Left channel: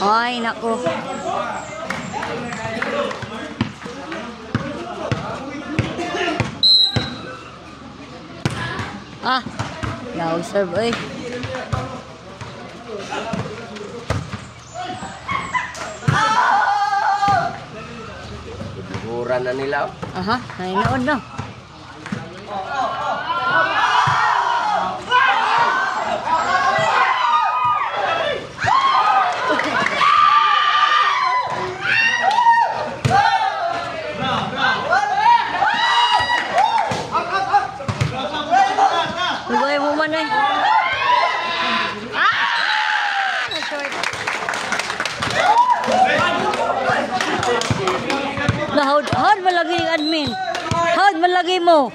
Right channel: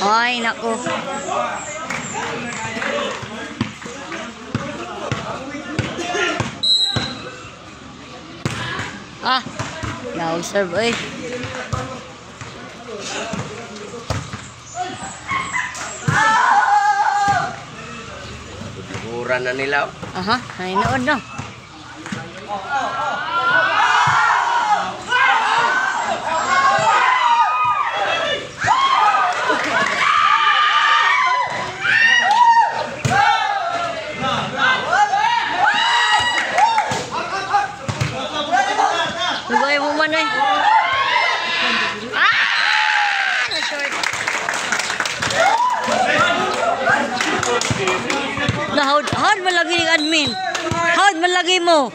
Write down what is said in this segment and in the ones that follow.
Ay, naku. Ah, yaw serve eh. Buran na nila. Aha, nainood na. Lugoy mo man eh. Ah! Na-short. Howd malagi ni admin. Howd malagi mo.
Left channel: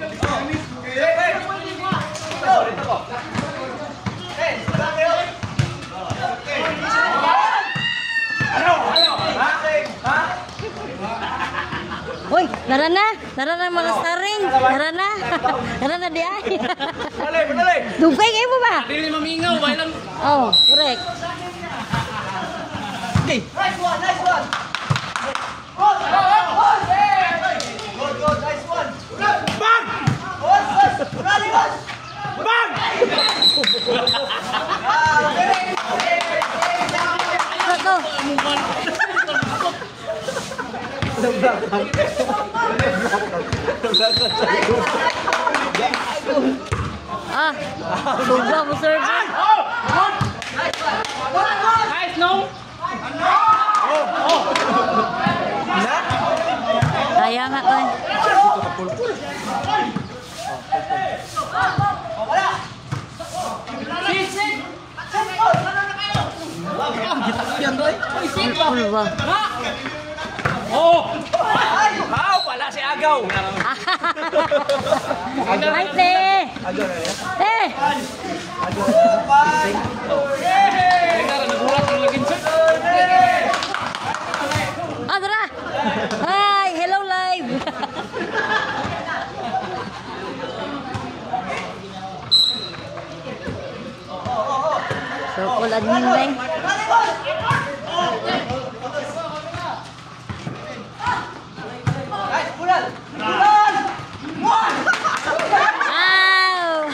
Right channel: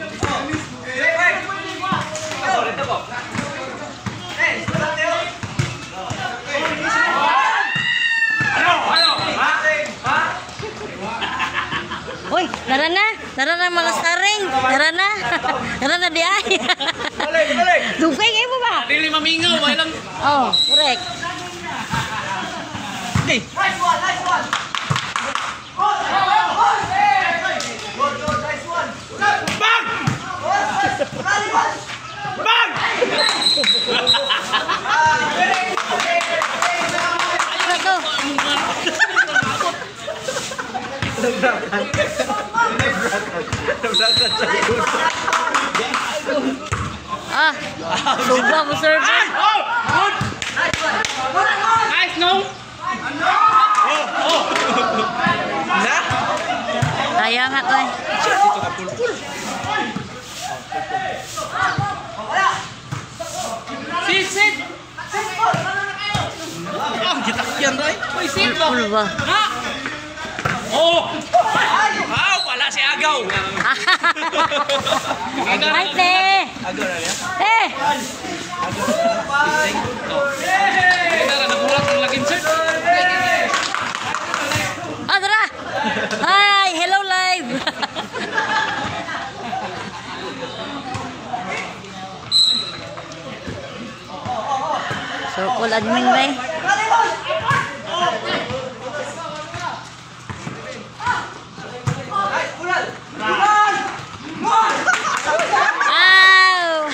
Uy, nara na mga staring. Nara na di ay. Dugay kayo mo ba? Dili mamingaw, balang. Oh, correct. Okay. Nice one. Bang! Bang! Ito. Ah, sobra mo serve. Nice, no? Kaya nga to eh. Sit! Ah, gitakyan rin. Sit mo. Full ba? Oh! Ah, wala si Agaw. Ay, te! Te! Nagulat ang laging set. Adra! Hi! Hello live! So, cool admin ba eh? Ow!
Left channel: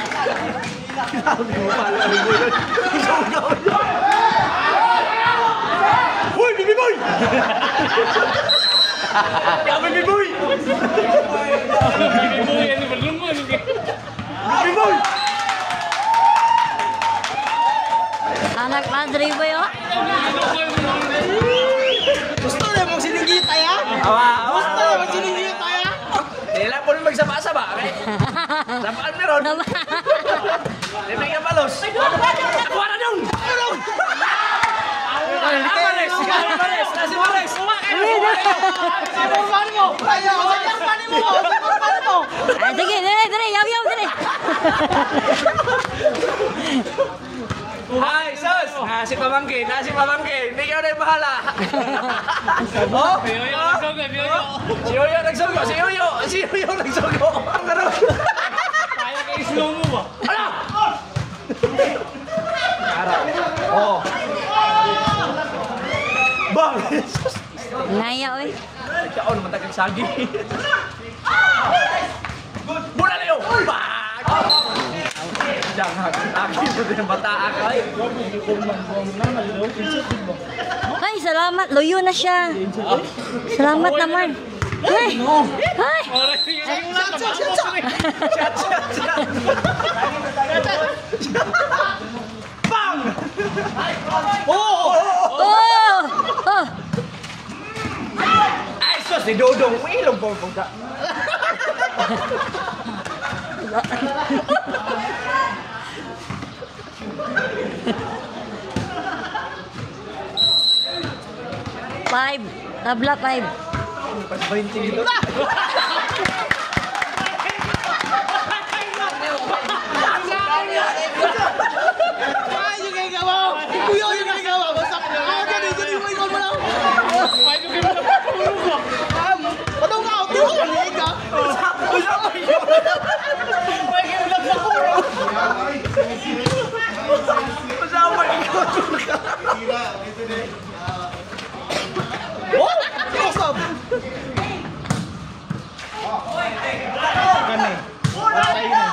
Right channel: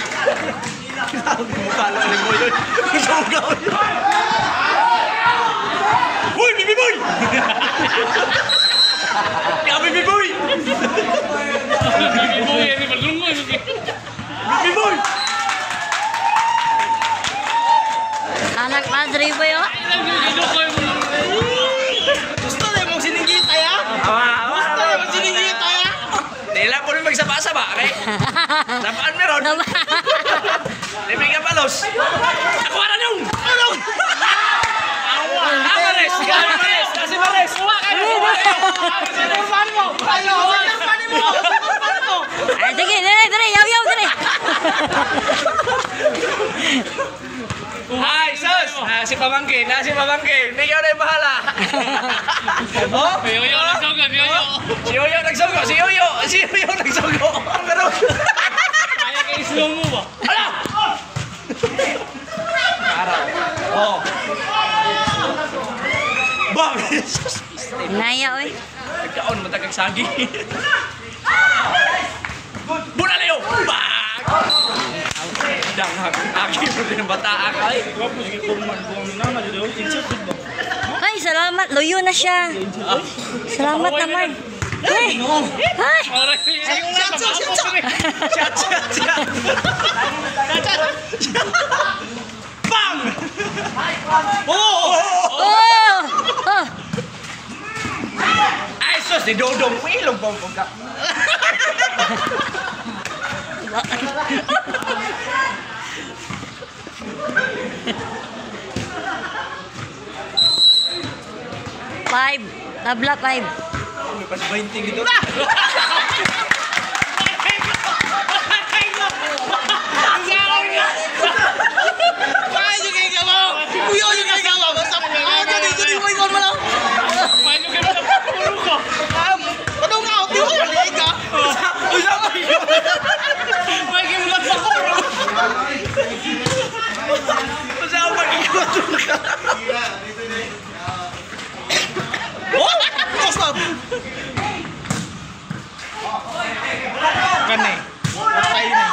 Uy, Bibi Boy! Ya, Bibi Boy! Bibi Boy, ini belum ini. Bibi Boy! Anak madre ba yun? Gusto niya mong sinigita ya? Gusto niya mong sinigita ya? Nila po rin magsaba-saba, okay? Napaan meron? Libre ka palos. Ako na nung! Ano? Amares! Amares! Kasi Mares! Kuha kayo! Kuha kayo! Sinurman mo! Ayaw! Sinurman mo! Sinurman mo! Ay, sige, dire, yaw, dire. Ay, sus! Si Pamangkin! Si Pamangkin! Ikaw na yung bahala! Oh? Si Yoyo nagsogo! Si Yoyo nagsogo! Si Yoyo nagsogo! Ang gano'n! Kaya kayo slow mo ba? Hala! Oh! Bang! Naya, oy. Kaon matagag sagi. Bola na yun! Bang! Jangan akin din bata akay. Ay, salamat. Loyo na siya. Salamat naman. Hey! Ay! Bang! Oh! Oh! Oh! Ay, sus, di dodong. Wilong bang ka. 5. Tabla 5. Pas 20 gitu. up. Kan eh. Patay na.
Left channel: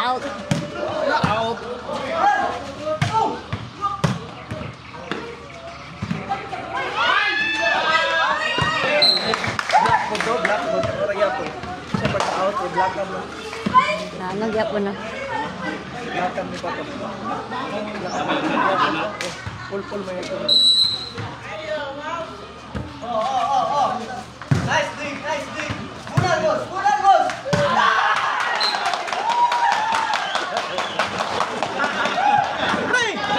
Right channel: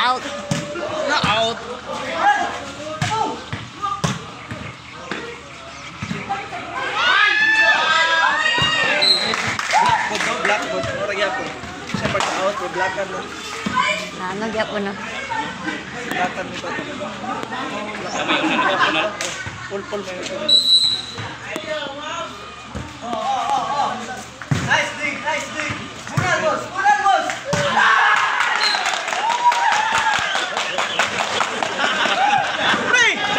Out. Out. Blackboard. Ora gyapon. Sa pagka-out, blackan na. Ano gyapon na? Blackan ni pato. Pul may ito. Nice dig. Punan, boss.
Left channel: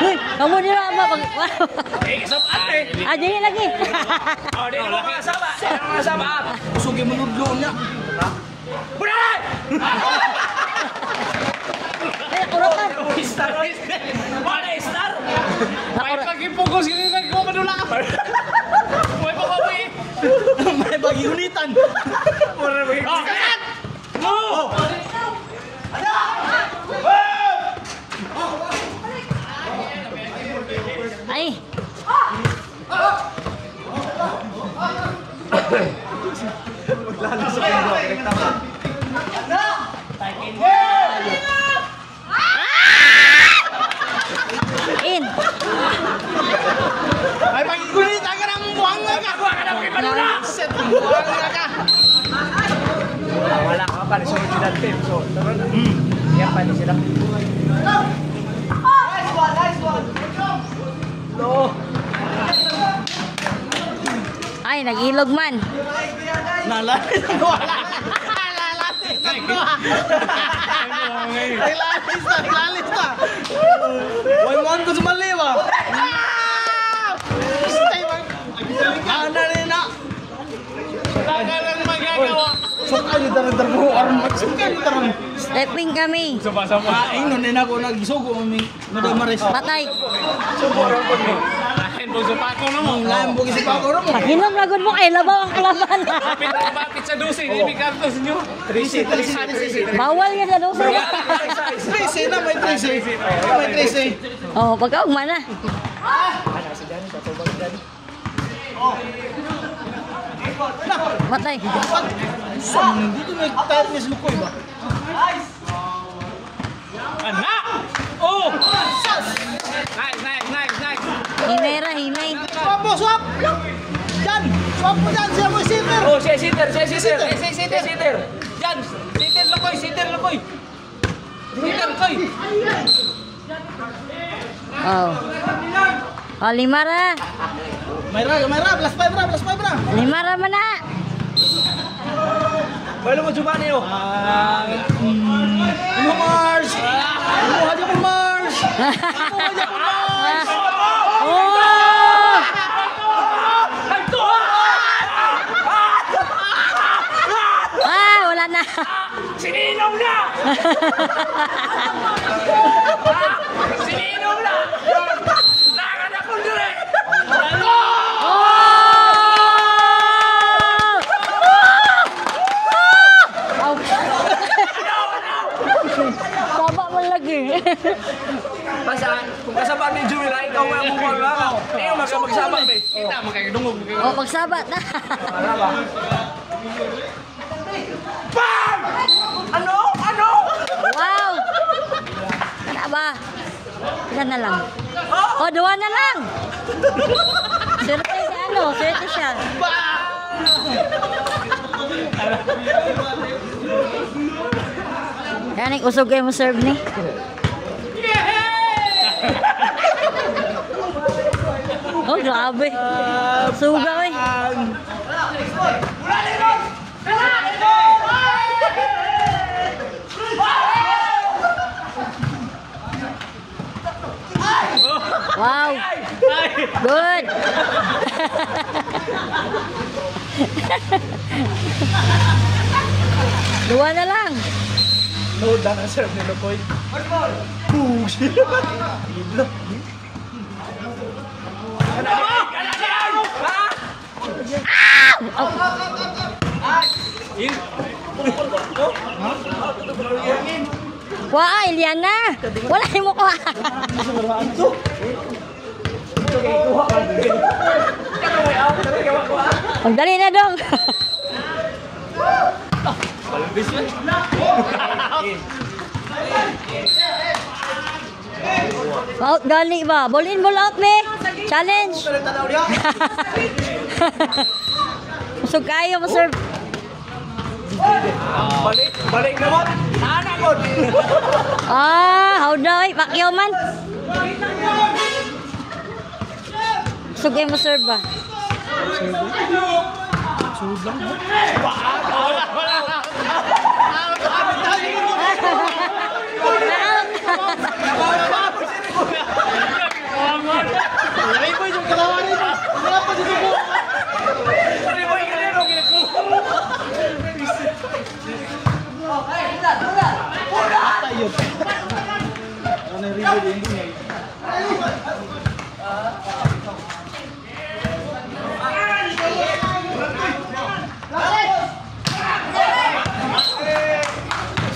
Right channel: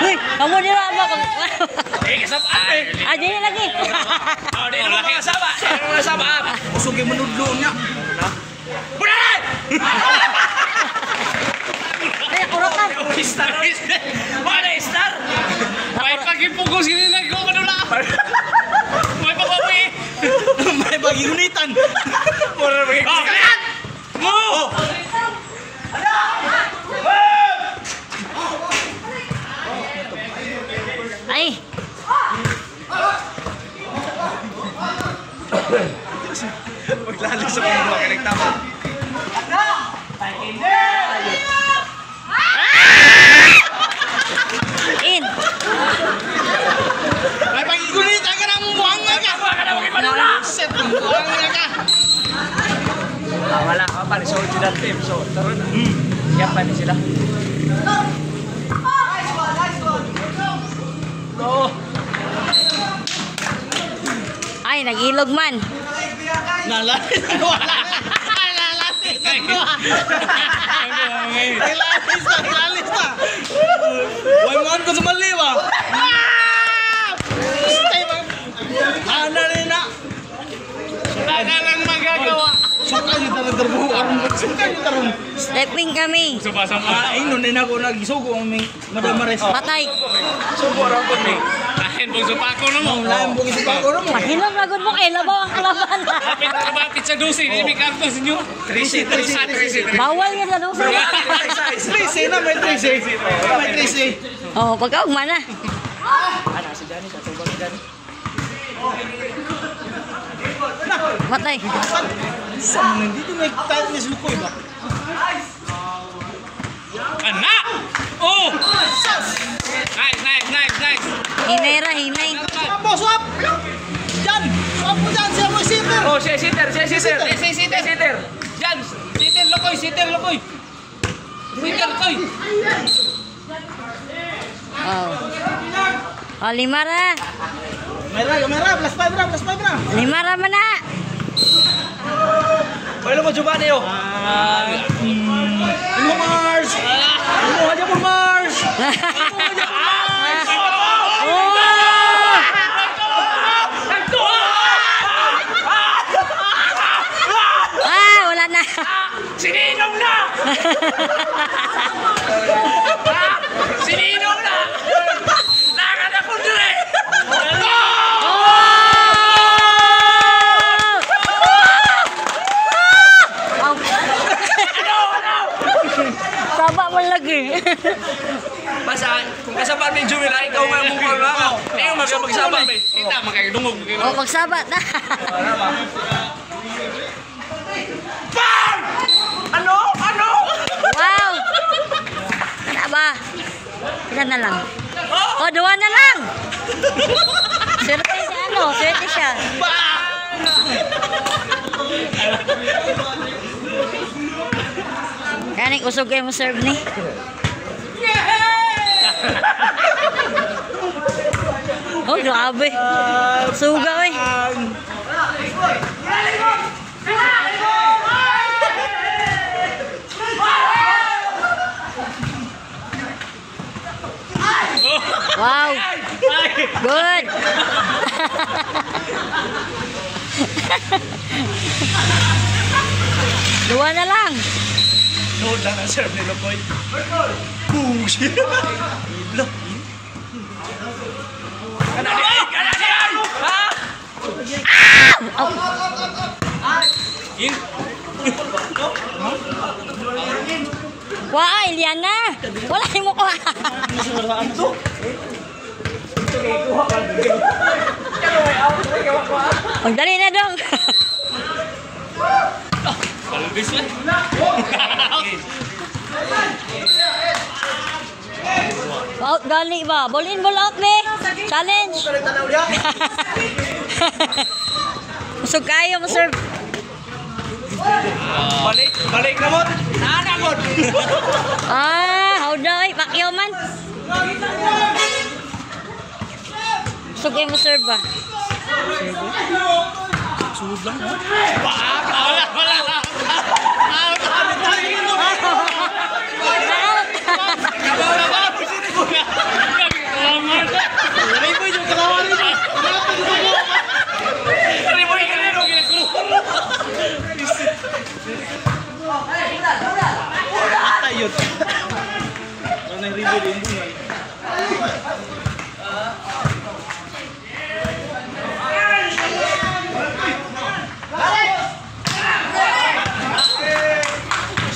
Uy, kamu nila mo. Kasabaan eh. Ah, dili lagi. Oh, di naman kasaba. Usog yung manudlo niya. Punan! Ay, kurotan. Star. Star. May pagipugos gini lagi ko madula. May pagpawi. May pagigunitan. Mura pagigunitan. Mo. Ay. Maglali sa mundo, direkta mo. In. May pagigunitan ka ng buhangga ka. Set ang buhangga ka. Wala ka pa sa original team. So, taron. Yan pa na sila. Ay, nag-ilog man. Nalapit. Wala. Naglalis na. Wala ko sa maliwa. Ano na rin na? Ano lang magagawa? Suka yung tarong Suka yung tarong. Stepping kami. Inon din ako nagisugo aming Madam Maris. Patay. Subo rin po ni. Lahin po sa pako mo. Lahin po sa pako mo. Pahinom lagod mo kay labaw ang kalaban. Kapit sa dosi. Hindi kantos nyo. 3C. Bawal mo sa dosa. 3C na may 3C. May 3C. Oh, pagkaugma na. Ano si Johnny? Tatubag Johnny. Patay. Saan? Dito may tayo na silukoy ba? Anak! Oh! Nice. Hinay. Swap mo, swap! Jan! Swap mo dyan, siya mo sitter! Oh, siya sitter! Jan! Sitter lukoy! Sitter lukoy! Oh. Oh, limara. Mayra! Plus 5 ra! Limara man na. Pwede mo coba niyo. Ano Mars? Ano aja po Mars? Oh! Ah, wala na. Sininong na! Sininong na! Nakada po dire! Saba man lagi. Basta, kung kasabaan ni Jewel, ikaw nga mong kung lang. Ikaw magsabaan, be. Kita, magkakadungog. Oh, magsabat na. Bam! Ano? Wow! Kana ba? Ilan na lang? Oh, 2 na lang. Swerte siya. Kanik usog kayo mo serve ni. Oh, grabe. Suga eh. Wow. Good. Dua na lang. Load lang ang serve nila po. Push. Kanadian! Wah, Eliana. Wala mo ko. Magdali na dong. Out gali ba? Ball in, ball out be. Challenge. Usog kayo mo sir. Balik na mo. Ana ko. How daw Pacquiao man. Usog kayo mo sir ba? Sud lang. Atayot. Ano yung review din mo?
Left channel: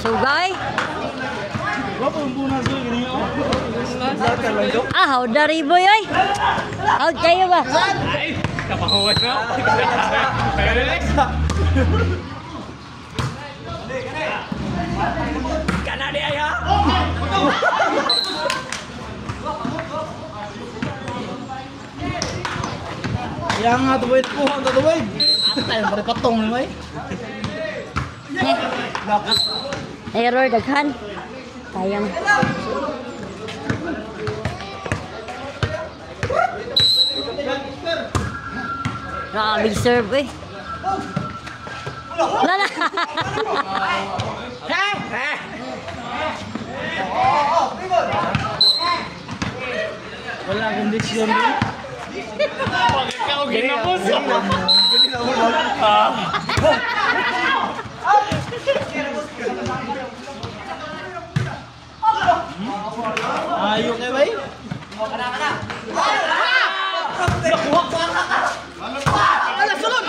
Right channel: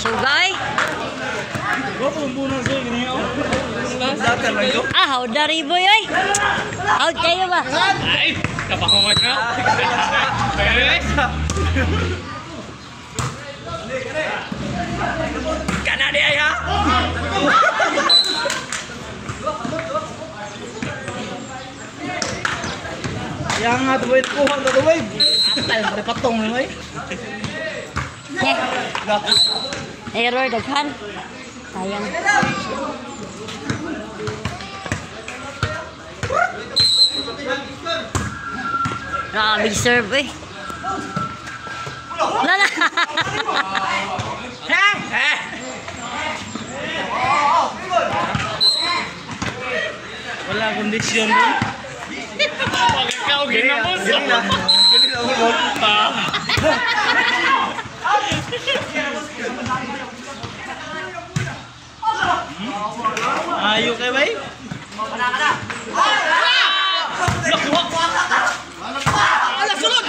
Sugay. Bapak membunuh saya ini. How dari boy ay. Out kayo ba? Ay, napakawat na. Kana dia ya. Yang atuh boy kuhan tuh boy. Atal pare patong ni boy. Error daghan. Sayang. Big serve eh. Lala. Wala kondisyon mo. Ikaw ginamos. Gani na mo. Ayo kay bay. Kana. Ala sulod.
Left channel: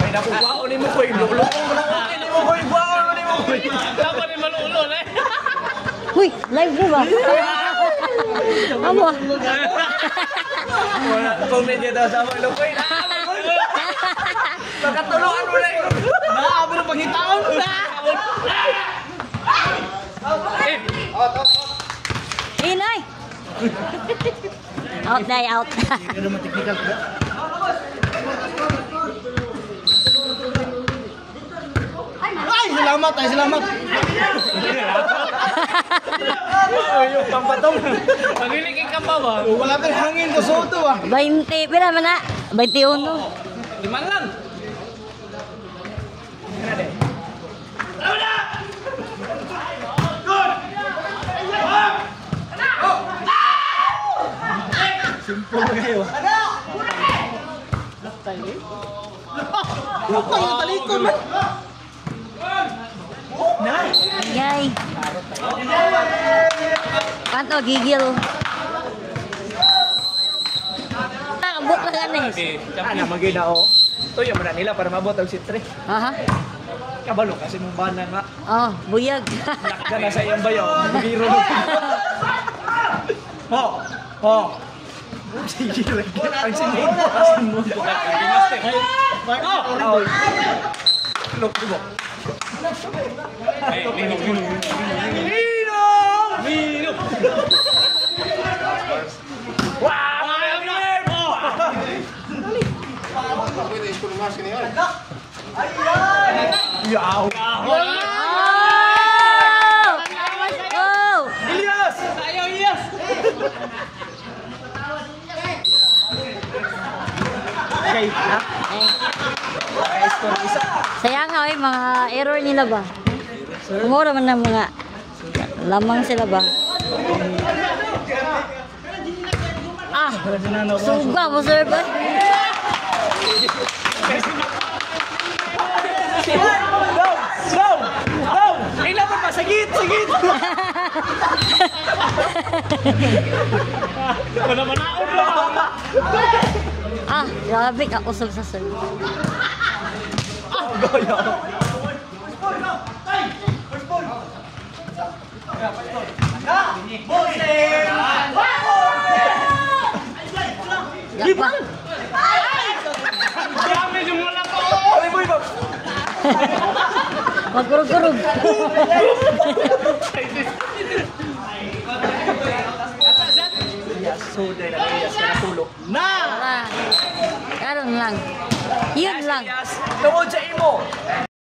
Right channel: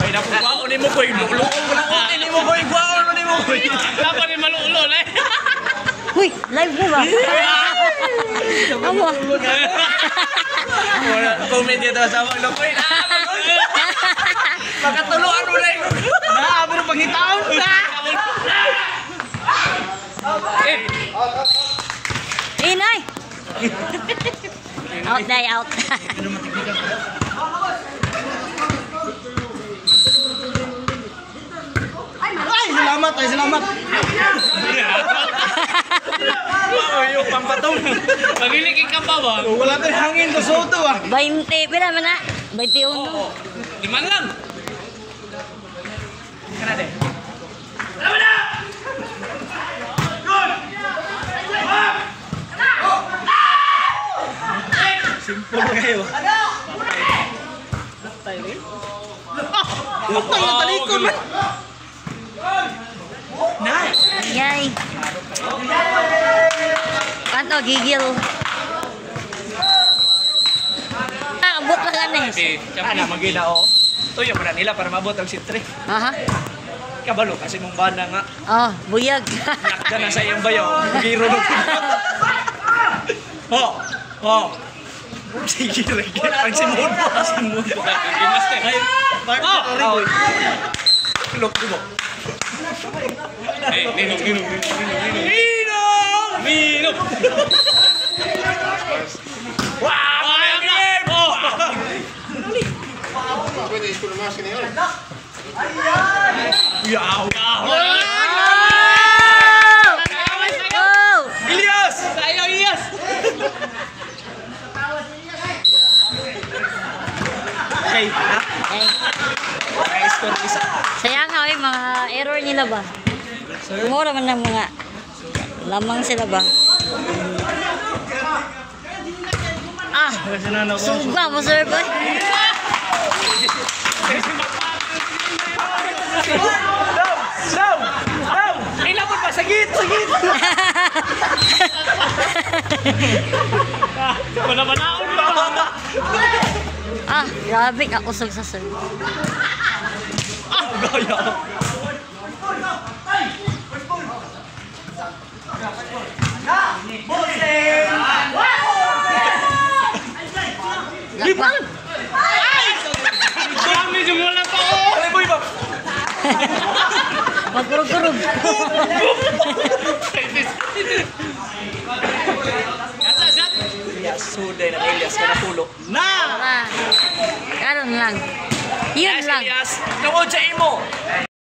Ay nakuha unin mo koy. Lulo ko na unin mo koy. Guaon unin mo koy. Laban ni malulo eh. Uy, live mo ba? Amo. Comment dito sa mo koy. Pagkatuluan ulit. Naabo ng pangitaon na. Inay. Out day out. Ay, salamat, ay salamat. Ay, yung pampatong. Pagiligin ka ba ba? Wala tayong hangin ko soto ah. 20 pila man na? 21. Liman lang. Kana de. Simple kayo. Patay rin. Patay na talikod man. Yay. Panto gigil. Abot lang ganes. Kana magina o. Tuyo man nila para mabot ang sitre. Aha. Kabalo kasi mong bana nga. Oh, buyag. Nakda na sa iyang bayaw. Magiro mo. Ho. Ho. Sige lagi. Ang simod mo. Ang simod mo. Ay, sorry boy. Look, look. Hey, Nino. Wow! Yaw! Oh! Ilyas! Ayaw, Ilyas! Okay, ha? Score isa. Sayang nga mga error nila ba? Mura man ng mga lamang sila ba? Suga mo sir ba? Down! Kailangan pa, sagit! Manamanaon na! Grabe ka usog sa sir. Gaya! Lakpan. Dami yung wala pa oh. Ano boy ba? Magkurog-kurog. Suday na Elias ka natulog. Na! Karon lang. Yun lang. Elias, tungod sa imo.